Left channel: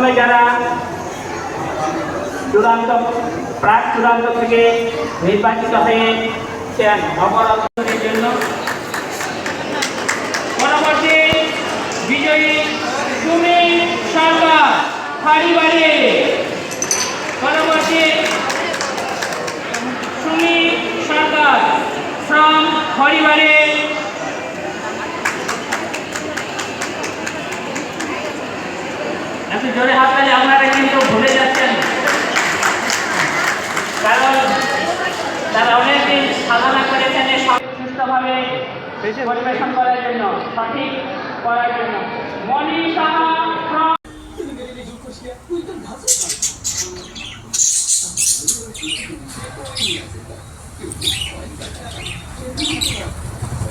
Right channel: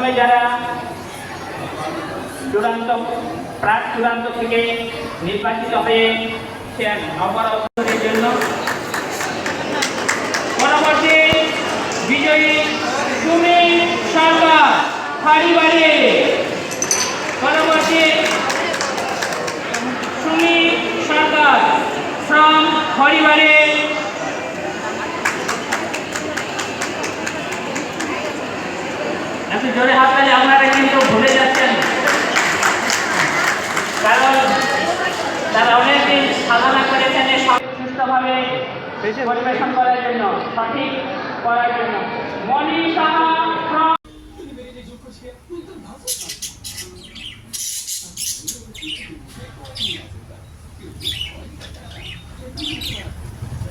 প্রথমে যারা চূড়ান্ত, প্রাক চূড়ান্ত থেকে নির্বাচিত হয়েছেন নবরত্নের জন্য পরবর্তী বিজয়ী সুমি সরকার হারিবাড়ি পরবর্তী সুমি সরকার ফ্রম হরিবাড়ি একটু জোরে হাত তালি আপনারা কিন্তু ভুলে যাচ্ছেন কারণ তারা অনেকদিন সাধনা করেছেন সুস্থভাবে পরিবেশন করার জন্য, সঠিক করার জন্য you.